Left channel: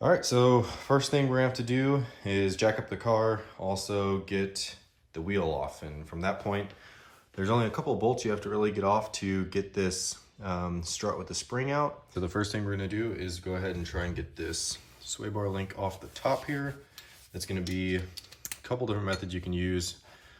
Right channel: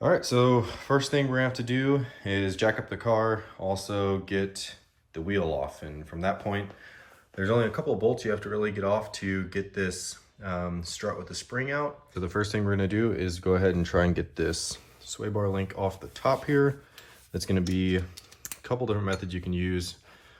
All right, so first thing we're gonna have to do is jack up the car, also get the wheel off. And from that point, there's only a couple of bolts you have to really get off to get this strut with the spring out. So the first thing we're gonna do is go ahead and try and get this sway bar link off the top here. That's gonna be a couple different methods you can use.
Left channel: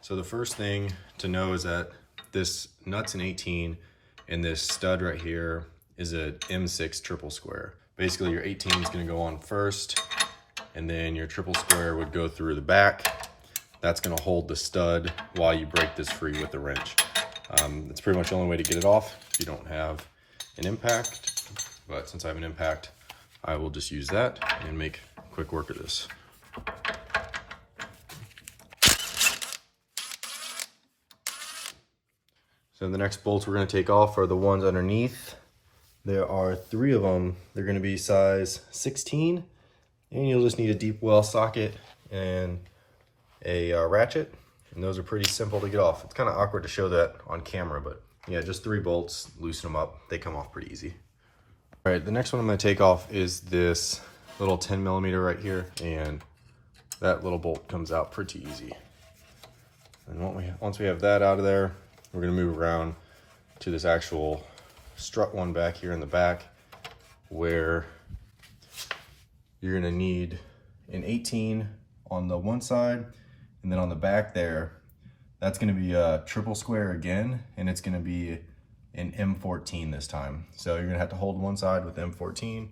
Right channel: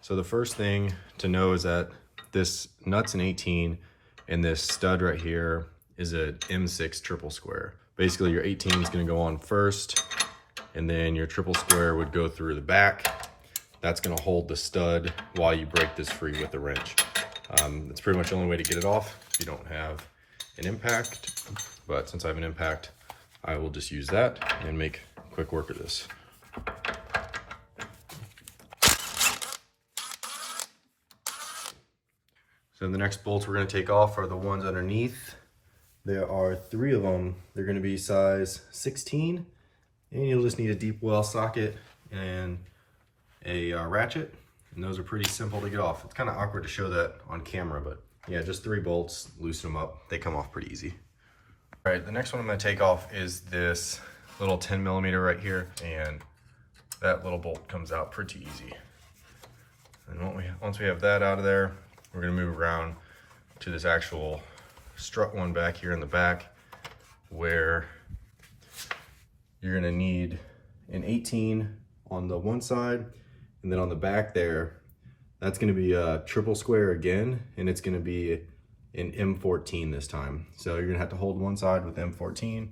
So the first thing to know is that this nut's an 18 and this stud right here is a M6 triple square. Basically your 18 is gonna go on first and then your triple square would go through the back. That's gonna hold the stud while you break this free with the wrench. That's pretty much the only way to get it off if you don't have an impact. But since I have an impact, I will just use that and make quick work of this. So the next bolts we're gonna take off are the ones underneath. There are 3 of them. They're gonna be size 16, and you'll just need a deep well socket and a ratchet. And those are pretty simple to get off. It's kind of awkward to show that on camera, but yeah, just 3 bolts, loosen them up. They come off pretty easy. All right, the next one I'm gonna take off is this little 10 millimeter right here, and that little bolt comes out pretty easy. And once we have that out of there, we're gonna move around to this actual strut one back here in the back, where you're gonna need an 18 on the one side, and then on the back there, that's gonna be a triple square again, and it's gonna be an M14 this time. So you're gonna have to hold one side with M14,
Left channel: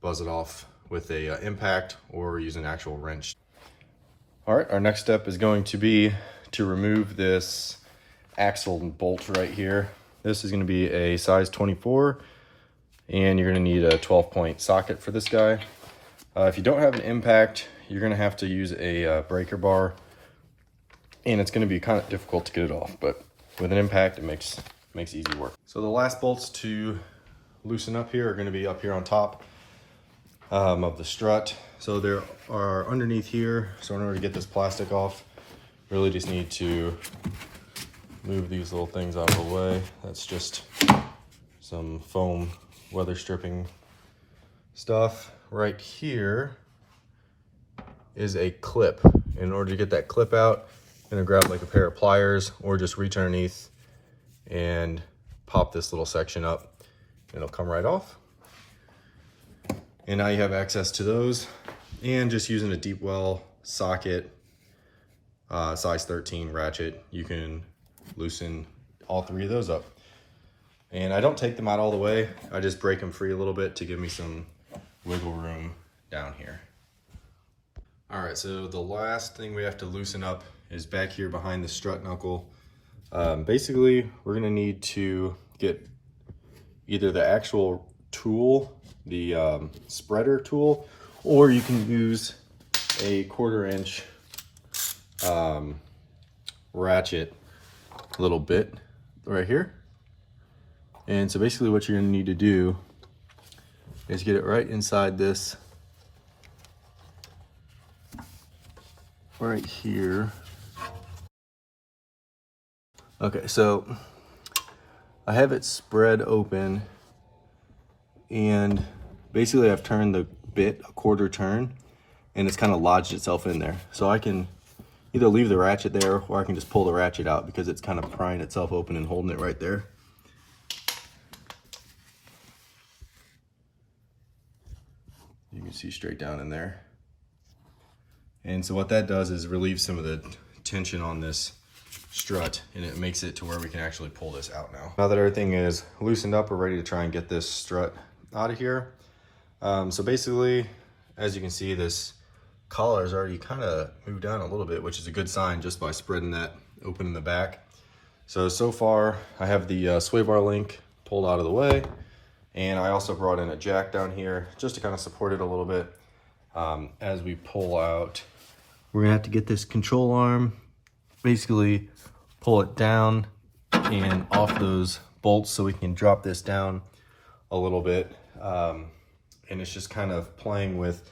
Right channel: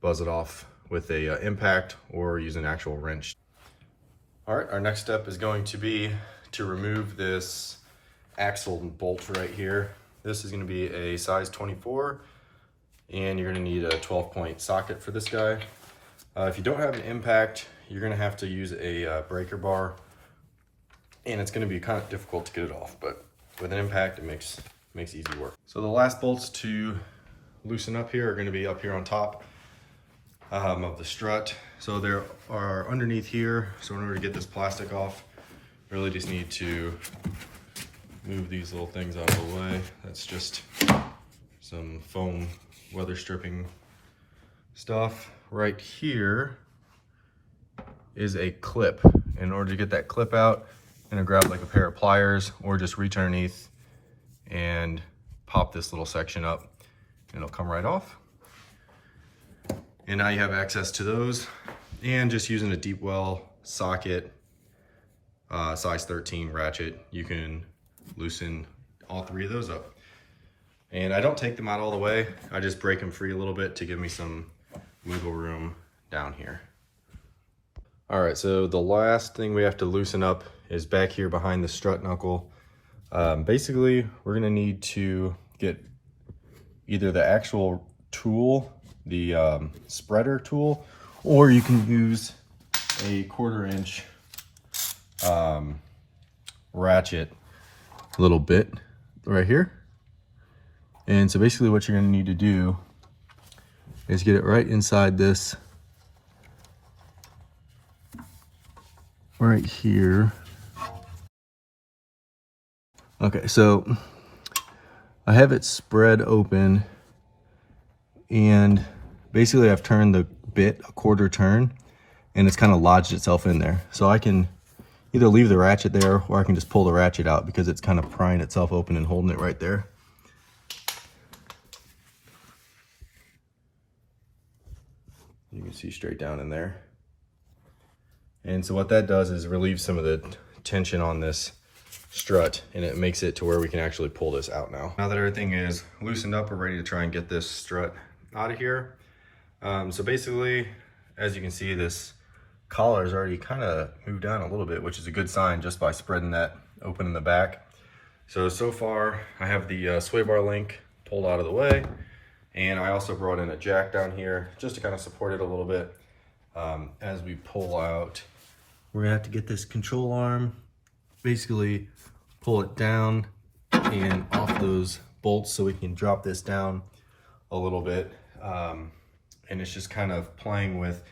buzz it off with a impact, or use an actual wrench. All right, our next step is going to be to remove this axle bolt right here. This is going to be a size 24, and you're going to need a 12-point socket for this guy. If you don't have an impact, you're going to have to use a breaker bar, and it's going to be kind of difficult to get it off, but with an impact, it makes easy work. So the last bolts to loosen up here are going to be up here on top of the strut. So there are underneath here. So in order to get this plastic off, really just need to move these little things out of the way. That's just some foam weather stripping stuff. Right here is a clip. In order to get that clip out, I'm gonna grab like a pair of pliers or just reach underneath and pop this little section up. It'll come right off. And now you have access to those, and just using a deep well socket, size 13 ratchet, you can loosen all 3 of those up. And I don't take them out all the way. I just break them free a little bit to give me some wiggle room down here. All right, so the last thing we have to loosen up is back here behind the strut knuckle. Basically, we're gonna need to get either the actual tool, the spreader tool, or you can use a 1/4 inch ratchet little bit right here. And so basically what you're going to need to do is get it right inside this right here. Okay, so I have it spread open, and basically I've turned the bit a 1/4 turn, and it's kind of lodged itself in there. So I can either leave the ratchet there, or I can just pull the ratchet out because it's kind of prying itself open and holding it right there. You can see straight down in there. And so what that does is relieve some of the tension on this strut, and it makes it to where we can actually pull this out now. Now that everything is loosened up, we're ready to try and get this strut out of here. So basically, as you can see, this collar is already kind of moved down a little bit, which is a good sign just by spreading that open in the back. So far I have the sway bar link pulled out of the way, and I also brought in a jack down here just to kind of support it a little bit. As we pull out, we're gonna have to get this control arm, basically pull it down and off those bolts so we can drop this down a little bit. And it's just kind of playing with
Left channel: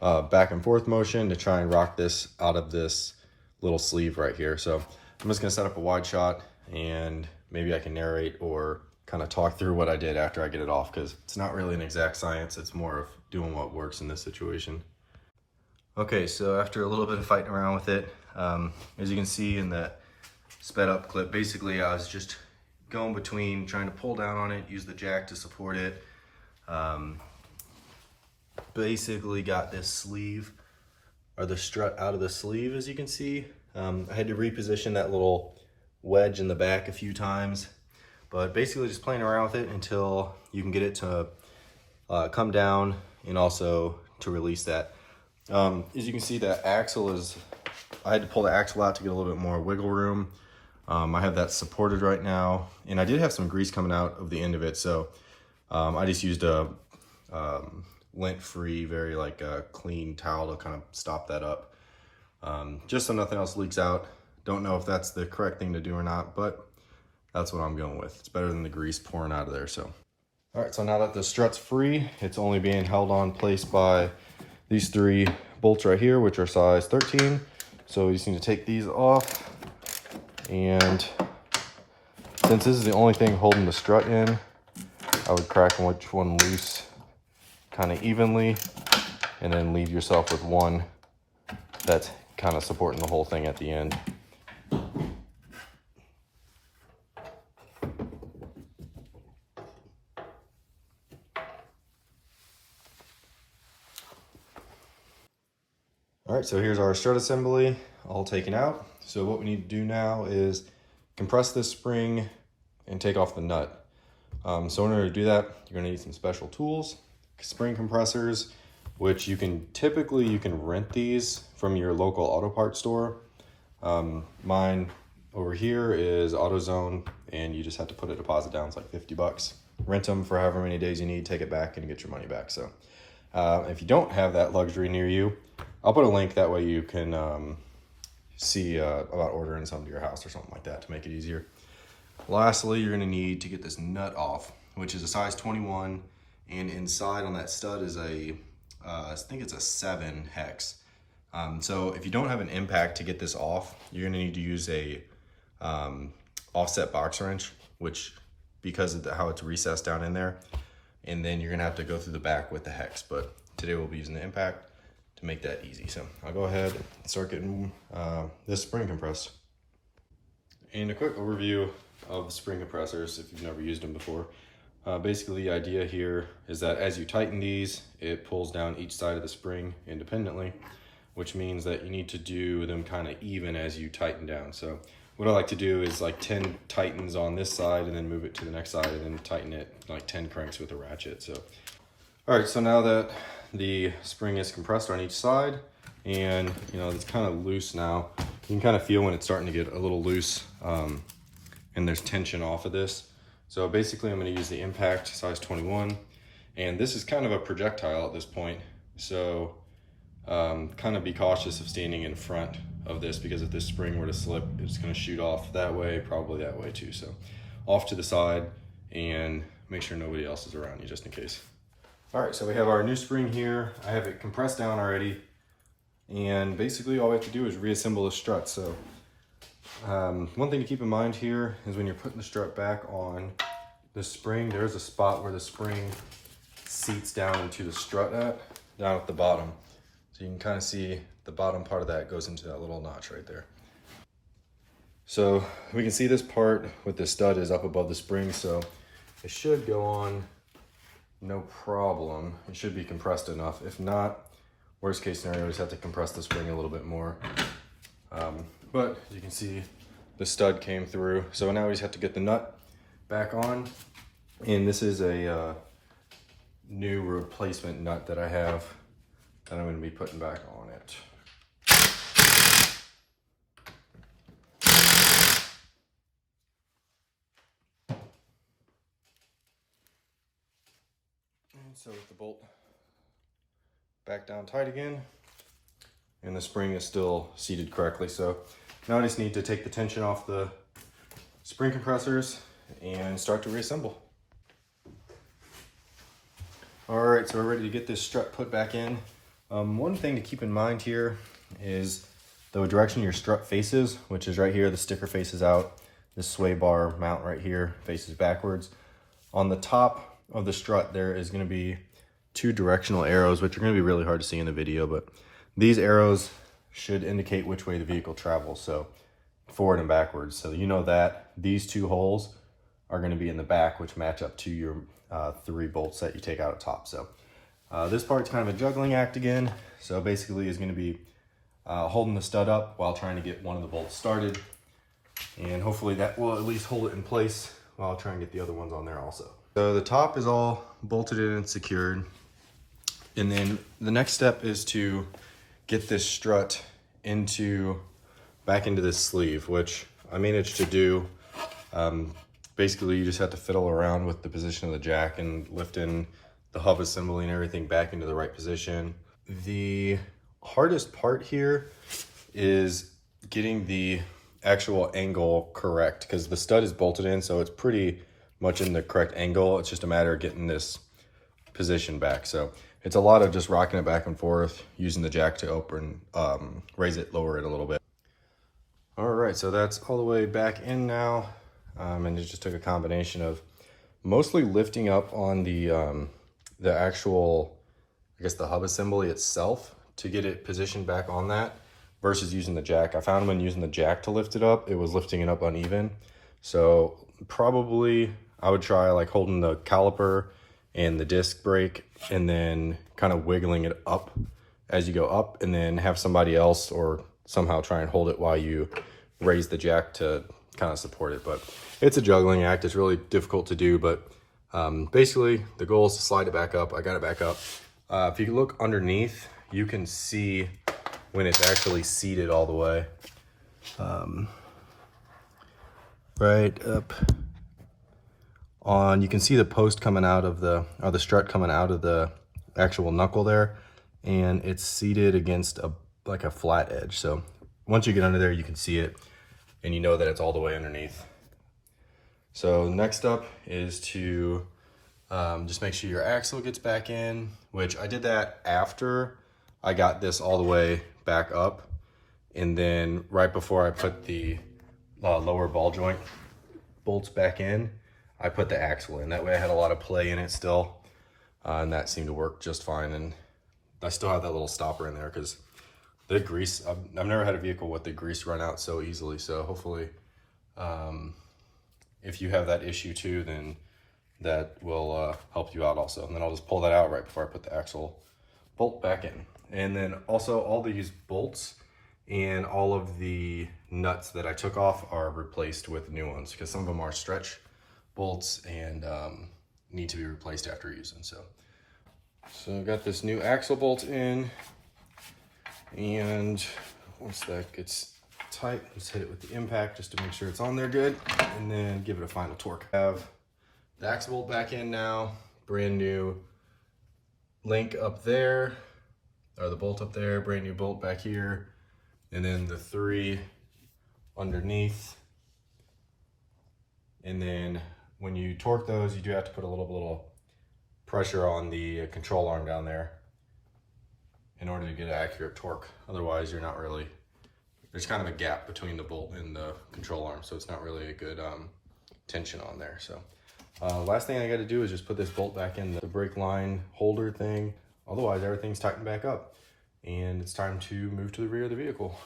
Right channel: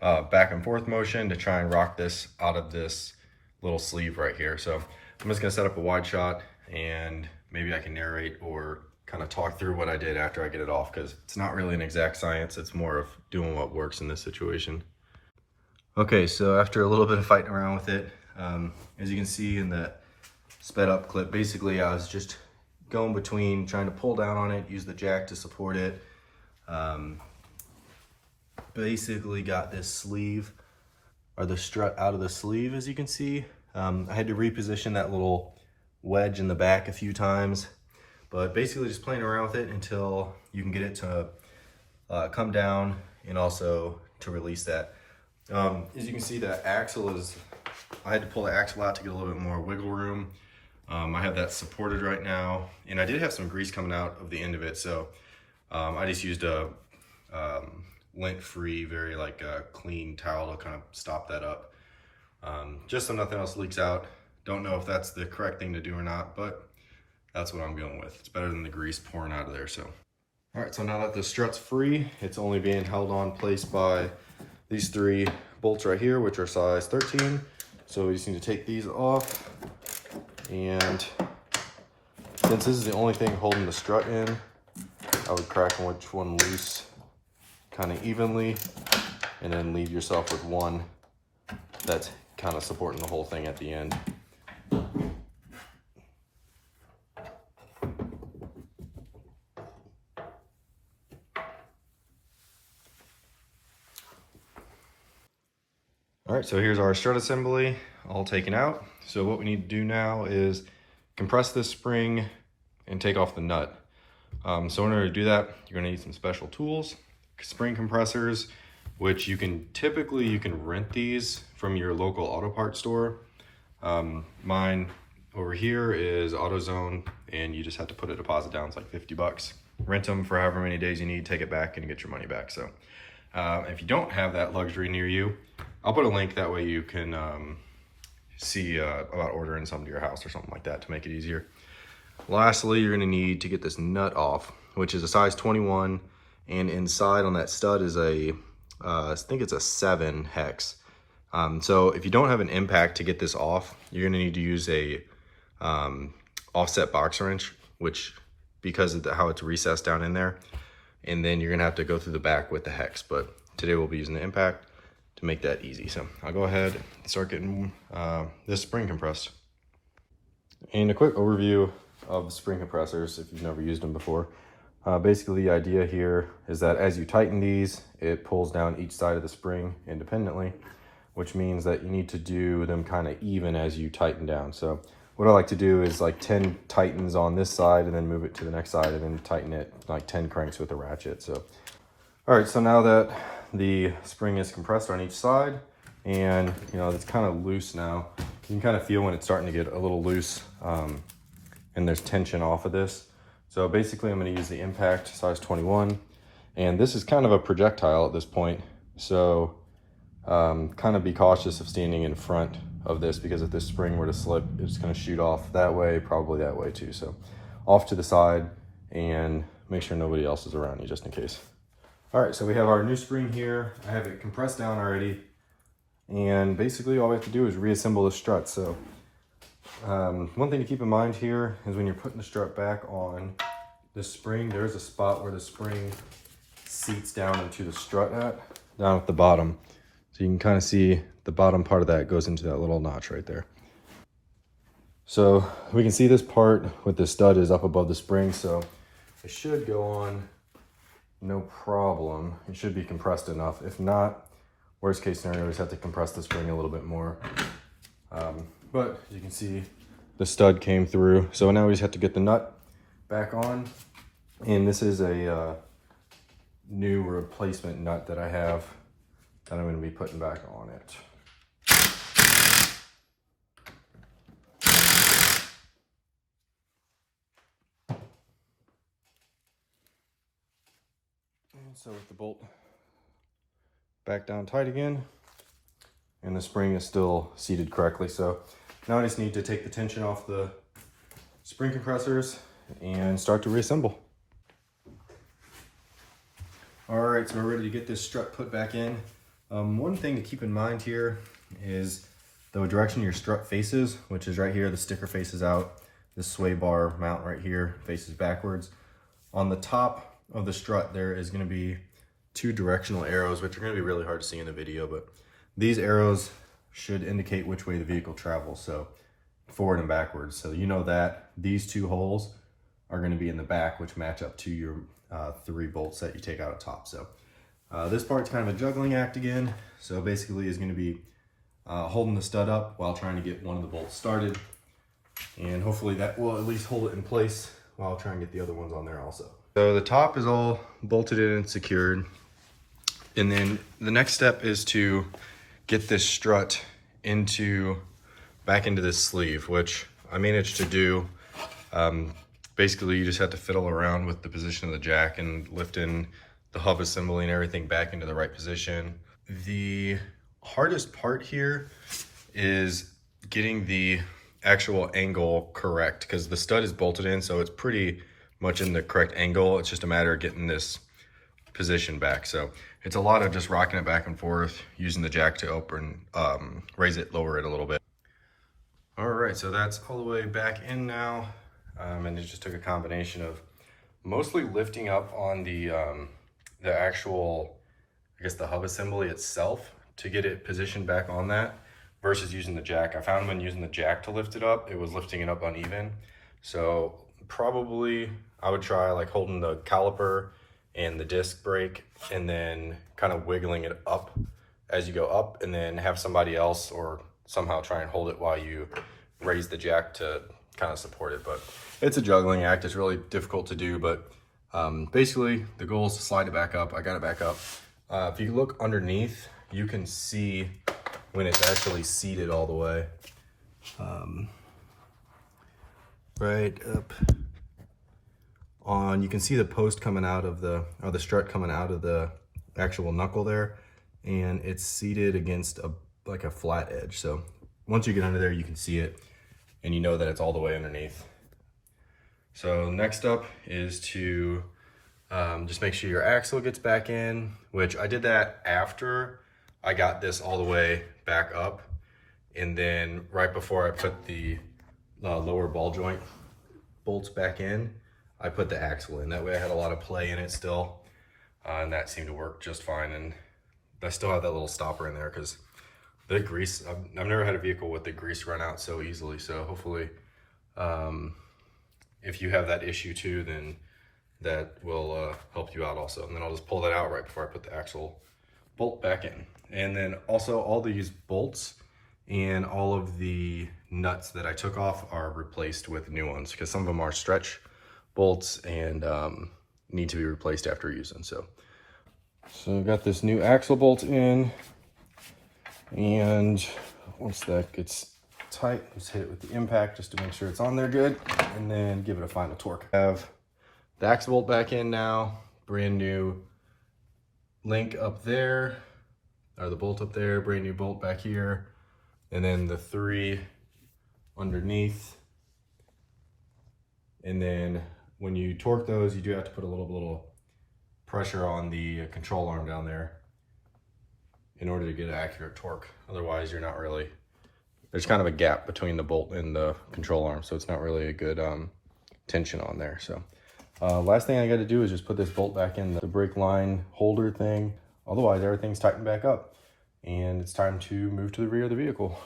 back and forth motion to try and rock this out of this little sleeve right here. So I'm just gonna set up a wide shot, and maybe I can narrate or kind of talk through what I did after I get it off, because it's not really an exact science. It's more of doing what works in this situation. Okay, so after a little bit of fighting around with it, as you can see in that sped up clip, basically I was just going between trying to pull down on it, use the jack to support it. Basically got this sleeve, or the strut out of the sleeve, as you can see. I had to reposition that little wedge in the back a few times, but basically just playing around with it until you can get it to come down, and also to release that. As you can see, that axle is, I had to pull the axle out to get a little bit more wiggle room. I have that supported right now, and I did have some grease coming out of the end of it, so I just used a lint-free, very clean towel to kind of stop that up, just so nothing else leaks out. Don't know if that's the correct thing to do or not, but that's what I'm going with. It's better than the grease pouring out of there. So, all right, so now that the strut's free, it's only being held on place by these 3 bolts right here, which are size 13. So we just need to take these off. And since this is the only thing holding the strut in, I would crack each one loose kind of evenly, and then leave yourself with one that's kind of supporting the whole thing at the end. All right, so here's our strut assembly all taken out. So what we need to do now is compress this spring and take off the nut. So in order to do that, you're gonna need some special tools, spring compressors, which you can rent these from your local auto parts store. Mine over here is AutoZone, and you just have to put a deposit down. It's like 50 bucks. Rent them for however many days you need, take it back and get your money back. So if you don't have that luxury near you, I'll put a link, that way you can see about ordering some to your house or something like that to make it easier. Lastly, you're gonna need to get this nut off, which is a size 21, and inside on that stud is I think it's a 7 hex. So if you don't have an impact to get this off, you're gonna need to use a offset box wrench, which, because of how it's recessed down in there, and then you're gonna have to go through the back with the hex. But today we'll be using the impact to make that easy. So I'll go ahead and start getting this spring compressed. And a quick overview of the spring compressors, if you've never used them before. Basically the idea here is that as you tighten these, it pulls down each side of the spring independently, which means that you need to do them kind of even as you tighten down. So what I like to do is like 10 tightens on this side and then move it to the next side and then tighten it like 10 cranks with a ratchet. So, all right, so now that the spring is compressed on each side, and it's kind of loose now, you can kind of feel when it's starting to get a little loose, and there's tension off of this. So basically I'm going to use the impact size 21, and this is kind of a projectile at this point. So kind of be cautious of standing in front of this, because if this spring were to slip, it's going to shoot off that way, probably that way too. So off to the side, and make sure nobody else is around you just in case. All right, so we have our new spring here. I have it compressed down already, and basically all we have to do is reassemble the strut. So one thing to keep in mind here is when you're putting the strut back on the spring, there is a spot where the spring seats down into the strut down at the bottom. So you can kind of see the bottom part of that goes into that little notch right there. So we can see this part with the stud is up above the spring, so it should go on no problem. It should be compressed enough. If not, worst case scenario, just have to compress the spring a little bit more. But as you can see, the stud came through. So now we just have to get the nut back on. And this is a new replacement nut that I have that I'm going to be putting back on it. And so with the bolt back down tight again, and the spring is still seated correctly. So now I just need to take the tension off the spring compressors and start to reassemble. All right, so we're ready to get this strut put back in. One thing to keep in mind here is the direction your strut faces, which is right here. The sticker faces out. This sway bar mount right here faces backwards. On the top of the strut, there is going to be 2 directional arrows, which are going to be really hard to see in the video, but these arrows should indicate which way the vehicle travels, so forward and backwards. So you know that these 2 holes are going to be in the back, which match up to your 3 bolts that you take out at top. So this part's kind of a juggling act again. So basically is going to be holding the stud up while trying to get one of the bolts started, and hopefully that will at least hold it in place while I'll try and get the other ones on there also. So the top is all bolted in and secured, and then the next step is to get this strut back into this sleeve, which I managed to do. Basically, you just have to fiddle around with the position of the jack and lift in the hub assembly and everything back into the right position. The hardest part here is getting the actual angle correct, because the stud is bolted in, so it's pretty much in the correct angle. It's just a matter of getting this position back. So it's a lot of just rocking it back and forth, using the jack to open, raise it, lower it a little bit. All right, so that's all the way back in now. And it just took a combination of mostly lifting up on the actual, I guess, the hub assembly itself to get it positioned back on that, versus using the jack. I found when using the jack to lift it up, it was lifting it up uneven. So probably I would try like holding the caliper and the disc brake and then kind of wiggling it up as you go up, and then have somebody else or somehow try and hold it while you raise the jack to kind of support it. But it's a juggling act. It's really difficult to do, but basically the goal is to slide it back up. I got it back up. If you look underneath, you can see when it's actually seated all the way. Right up on, you can see the post coming out of the, or the strut coming out of the actual knuckle there, and it's seated against like a flat edge. So once you get under there, you can see it and you know that it's all the way underneath. So next up is to just make sure your axle gets back in, which I did that after I got this all the way back up, and then right before I put the lower ball joint bolts back in, I put the axle in. That way I had a lot of play in it still, and that seemed to work just fine. And I still have that little stopper in there because the grease, I've never had a vehicle with the grease run out so easily. So hopefully if you have that issue too, then that will help you out also. And then I'll just pull that out right before I put the axle bolt back in. And then also all these bolts and all of the nuts that I took off are replaced with new ones, because some of them are stretch bolts and need to be replaced after using. So I've got this new axle bolt in, and once that gets tight, let's hit it with the impact just to make sure it's on there good, and then give it a final torque. I have the axle bolt back in now, brand new link up there, or the bolt up there, brand new bolt back here, and then the 3 underneath. And then when you torque those, you do have to put a little pressure on the control arm down there in order to get an accurate torque. Otherwise, you're not really, there's kind of a gap between the bolt and the control arm, so it's not really a good tension on there. So last thing I got to do is just put this bolt back in the brake line holder thing. Otherwise, everything's tightened back up, and it's time to move to the rear of the vehicle.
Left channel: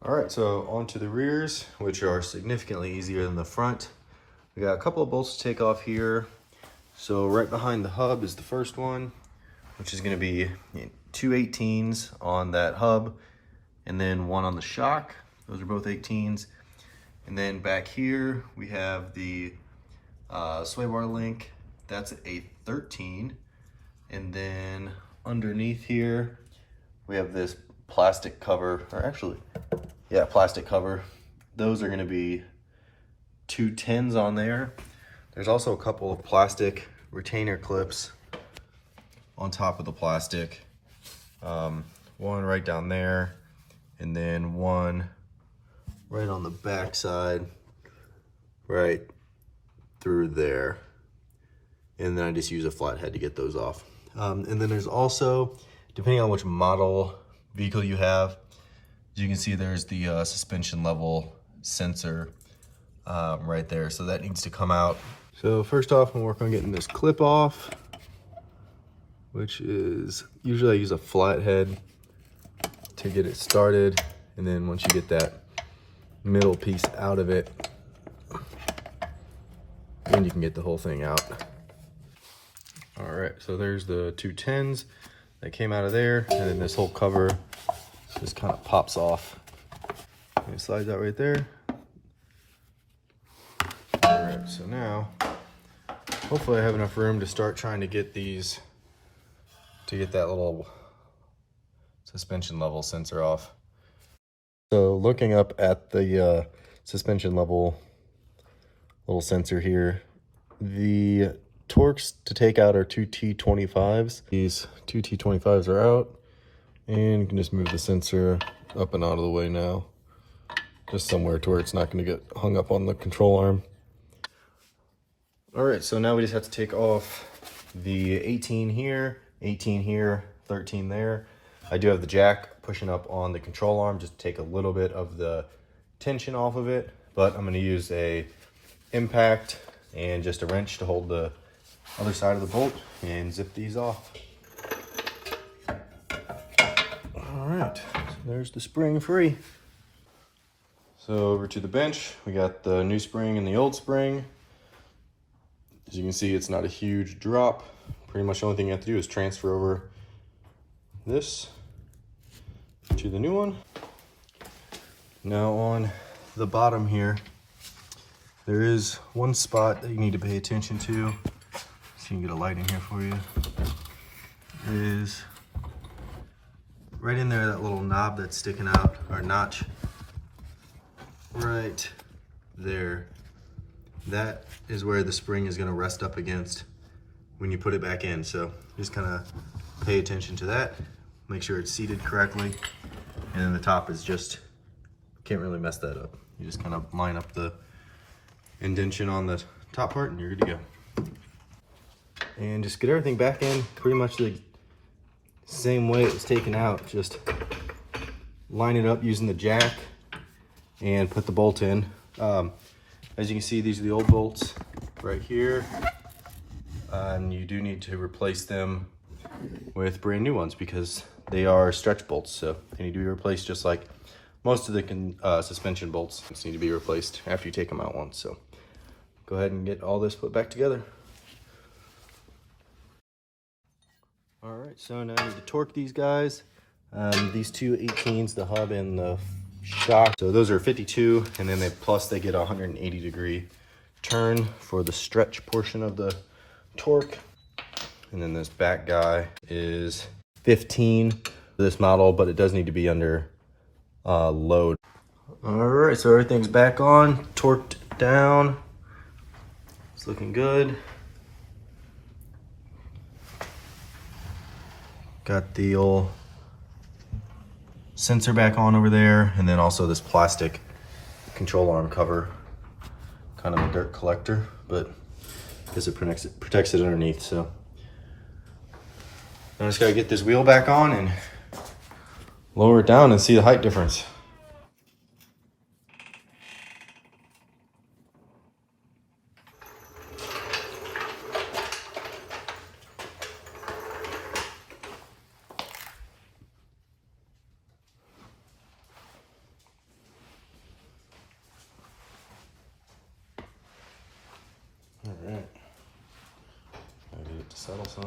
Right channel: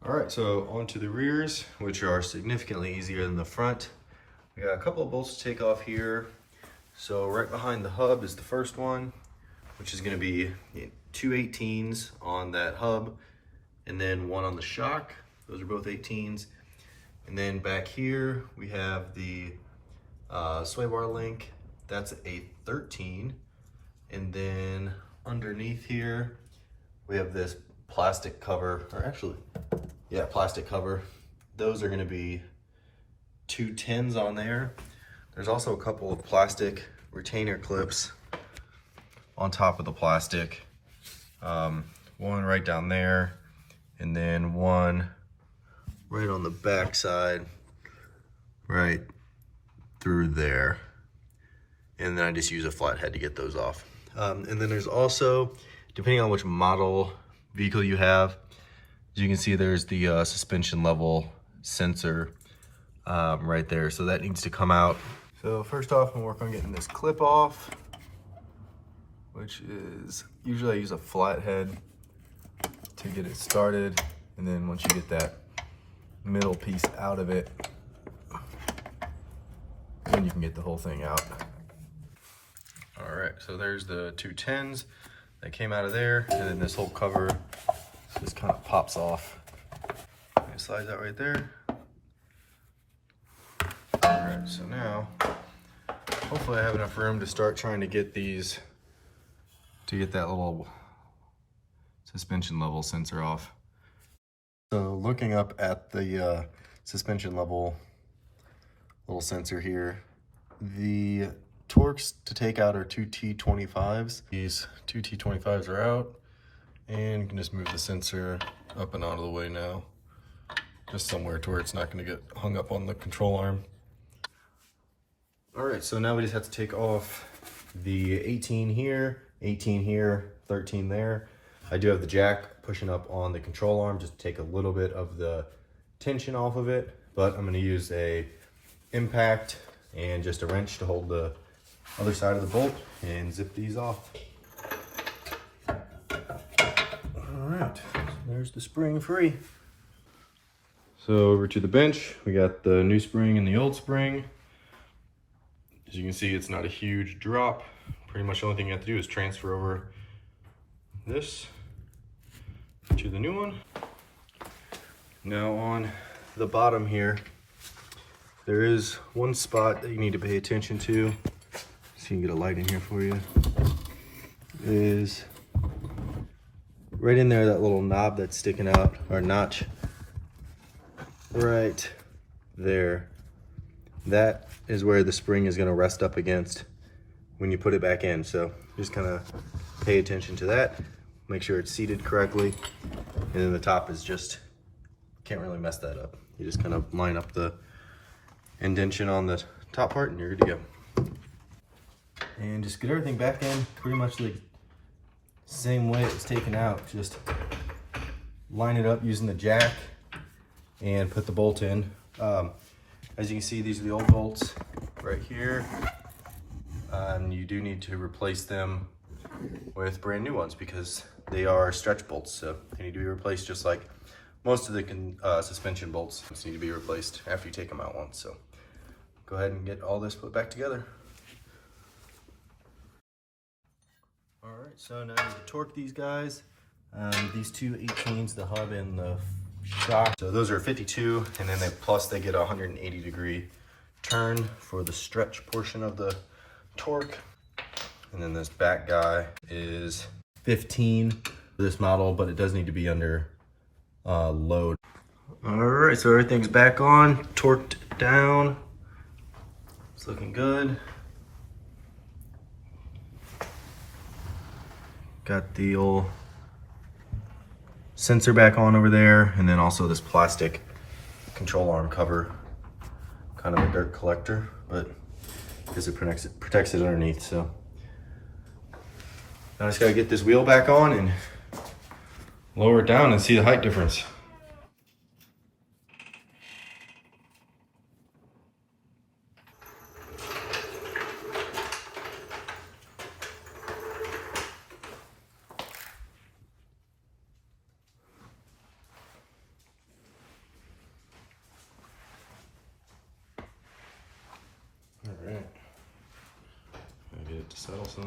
All right, so onto the rears, which are significantly easier than the front. We got a couple of bolts to take off here. So right behind the hub is the first one, which is going to be 2 18s on that hub, and then 1 on the shock. Those are both 18s. And then back here we have the sway bar link. That's a 13. And then underneath here we have this plastic cover, or actually, yeah, plastic cover. Those are going to be 2 10s on there. There's also a couple of plastic retainer clips on top of the plastic. One right down there, and then one right on the back side, right through there. And then I just use a flathead to get those off. And then there's also, depending on which model vehicle you have, as you can see, there's the suspension level sensor right there. So that needs to come out. So first off, I'm gonna work on getting this clip off, which is, usually I use a flathead to get it started. And then once you get that middle piece out of it, then you can get the whole thing out. All right, so there's the 2 10s that came out of there, and then this whole cover just kind of pops off. And it slides out right there. All right, so now, hopefully I have enough room to start trying to get these, to get that little suspension level sensor off. So looking up at the suspension level little sensor here, the torques to take out are 2 T25s. These 2 T25s are out, and you can just move the sensor up and out of the way now, just somewhere to where it's not going to get hung up on the control arm. All right, so now we just have to take off the 18 here, 18 here, 13 there. I do have the jack pushing up on the control arm just to take a little bit of the tension off of it, but I'm going to use a impact and just a wrench to hold the other side of the bolt and zip these off. All right, so there's the spring free. So over to the bench, we got the new spring and the old spring. As you can see, it's not a huge drop. Pretty much the only thing you have to do is transfer over this to the new one. Now on the bottom here, there is one spot that you need to pay attention to. So you can get a light in here for you. It is right in there, that little knob that's sticking out, or notch, right there. That is where the spring is going to rest up against when you put it back in. So just kind of pay attention to that. Make sure it's seated correctly. And then the top is just, can't really mess that up. You just kind of line up the indentation on the top part and you're good to go. And just get everything back in pretty much the same way it was taken out. Just line it up using the jack and put the bolt in. As you can see, these are the old bolts right here. And you do need to replace them with brand new ones because they are stretch bolts. So they need to be replaced just like most of the suspension bolts need to be replaced after you take them out once. So go ahead and get all this put back together. All right, so now I need to torque these guys. These two 18s, the hub and the shock. So those are 52, and then they get a 180-degree turn for the stretch portion of the torque. And then this back guy is 15 for this model, but it does need to be under load. All right, so everything's back on, torqued down. It's looking good. Got the old sensor back on over there, and then also this plastic control arm cover, kind of a dirt collector, but because it protects it underneath. So I just gotta get this wheel back on and lower it down and see the height difference. All right, I get it to settle some.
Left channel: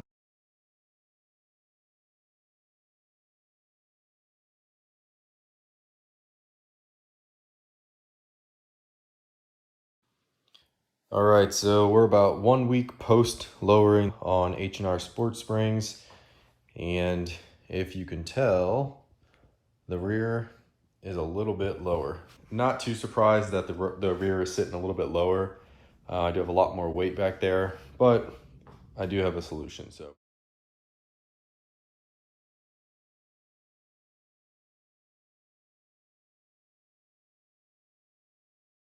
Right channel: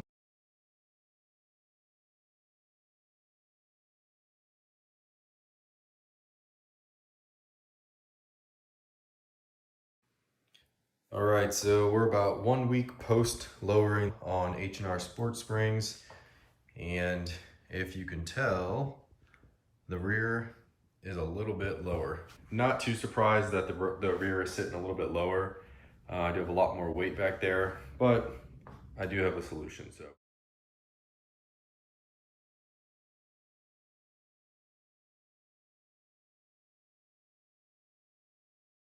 All right, so we're about 1 week post lowering on H&R Sport Springs, and if you can tell, the rear is a little bit lower. Not too surprised that the rear is sitting a little bit lower. I do have a lot more weight back there, but I do have a solution. So